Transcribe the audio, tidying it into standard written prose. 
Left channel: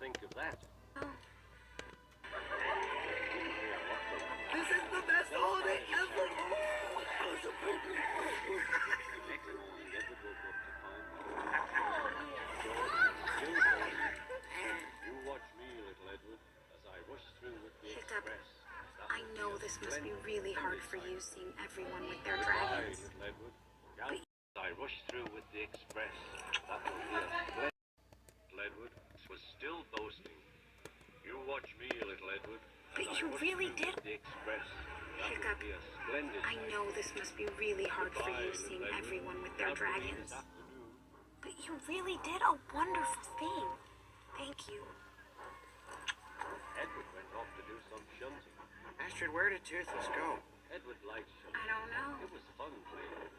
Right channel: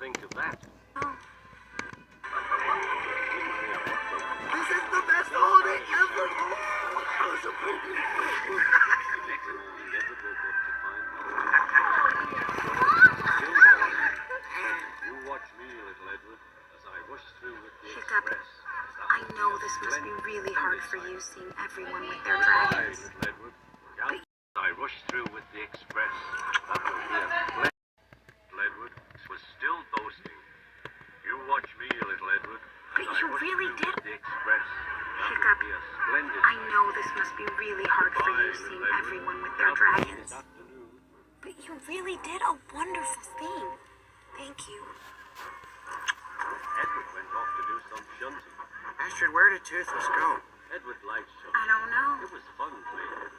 think of that? Oh. This is the best holiday ever! You watch me, little Edward, as I rush through with the Hiccup. express. I know this must be really hard for you, seeing everyone with their dragons. Little Edward. As I rush through with the express. That will be a splendid. Little Edward was still boasting. You watch me, little Edward. But you really did. The express. That Hiccup. will be a splendid. I know this must be really hard for you, seeing everyone with their dragons. But you really did a wonderful thing. Thank you. Edward went off to do some shunting. Astrid, where did Toothless go? Edward liked shunting. I don't know. It was fun playing.